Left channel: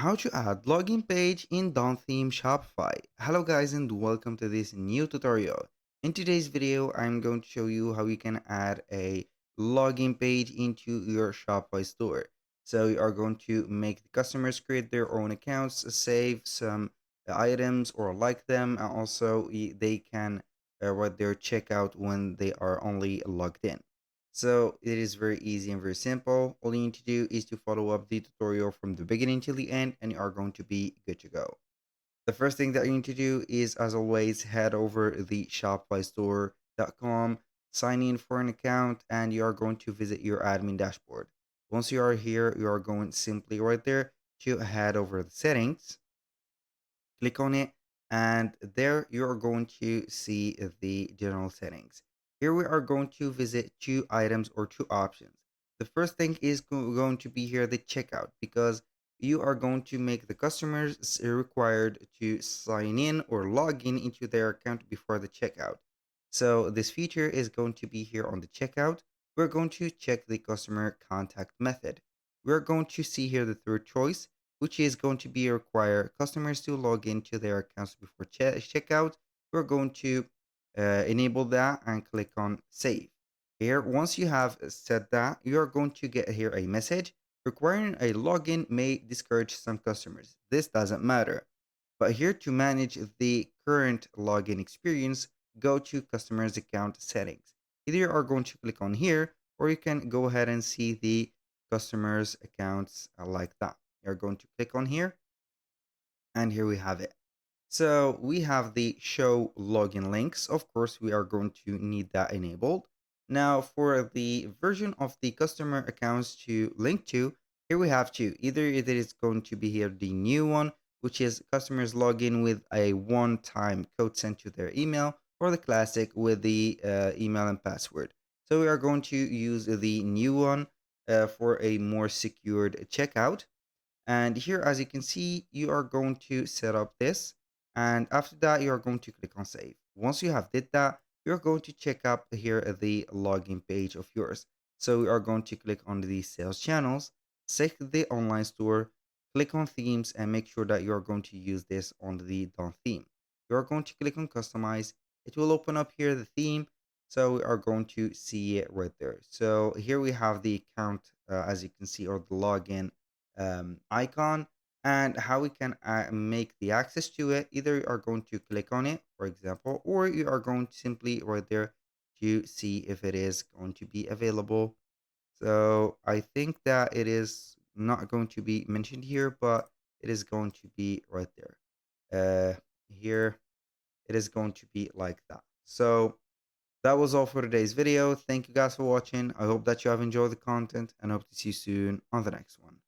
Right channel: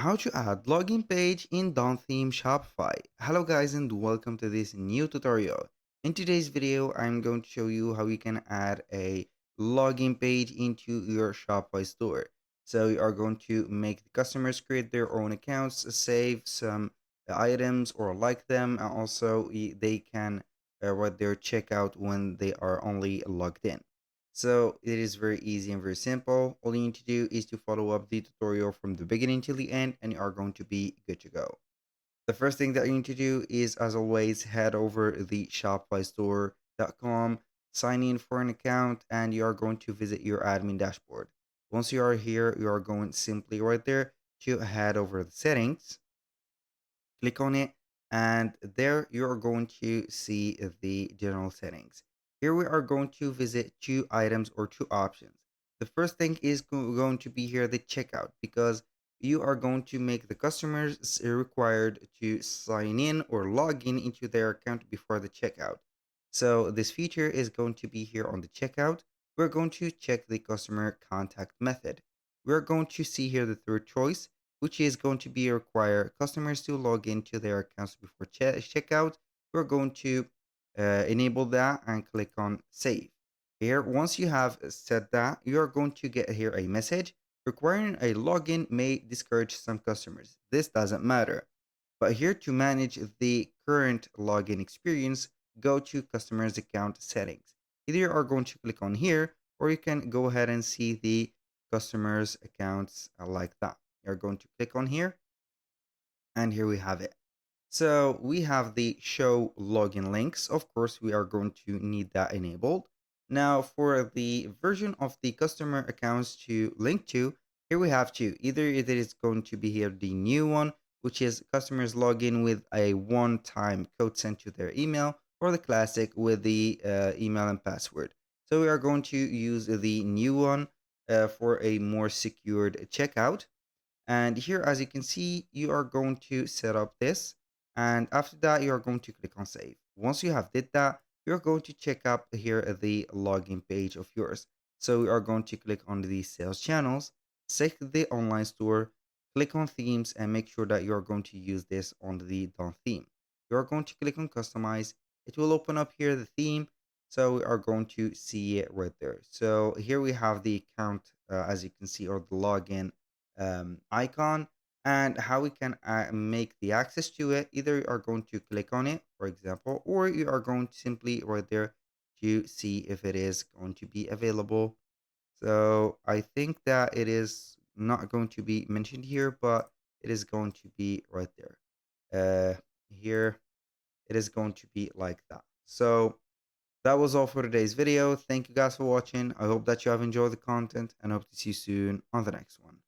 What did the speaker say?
How to add login page in Dawn Theme Shopify. Hello guys and welcome to this new tutorial. In today's video, I'm going to show you how you can add a login page into your Shopify store. So you are going to make the customers create their own accounts, save some items or like them, and also they can write their checkout when they are only logged in. So it is very easy and very simple. All you need to do is to follow up the tutorial from the beginning till the end and you are going to be good to go. The first thing that you need to do is, as always, head over the shopifystore.com, sign in for an account, and you are going to visit your admin dashboard. Once you are here, you are going simply right there to head over the settings, click on it, and there you are going to see the general settings. Here we are going to visit two items or two options. The first thing is going to be here the checkout, because you are going to make the customers required to sign in or log in into their account before the checkout. So this feature is going to be here on the checkout. We're going to check the customer contact method. We're going to see here the third choice, which is going to be require customers to log into their accounts before checkout. We're going to enable that and click on save. Here, once you have set that, you are going to get here a message requiring a login may discourage some customers. This doesn't matter. But here to manage the current login experience, go to customers account settings. Either you are going to click on here or you can go ahead and see the customers accounts like that. You're going to click on here and here we have it. So we have the show login links. Of course, we are going to need that enabled. Now for the version of the customer accounts to link to, here we have two. Either it is going to be here the new one, which is customers log in with a one-time code sent to their email, or the classic with the email and password. So we are going to use the new one for a more secured checkout. And here, as you can see, you are going to set up this. And after that, you are going to click on save. Once you have did that, you're going to check out here the login page of yours. So we are going to click on the sales channels, select the online store, click on themes, and make sure that you're going to use this on the Dawn theme. You're going to click on customize. It will open up here the theme. So we are going to see it right there. So here we have the account, as you can see, or the login icon, and how we can make the access to it. Either you are going to click on it, for example, or you are going to simply right there to see if it is going to be available. So I think that it is not going to be mentioned here, but it is going to be right there. Here it is going to be like that. So that was all for today's video. Thank you guys for watching. I hope that you have enjoyed the content and hope to see you soon on the next one.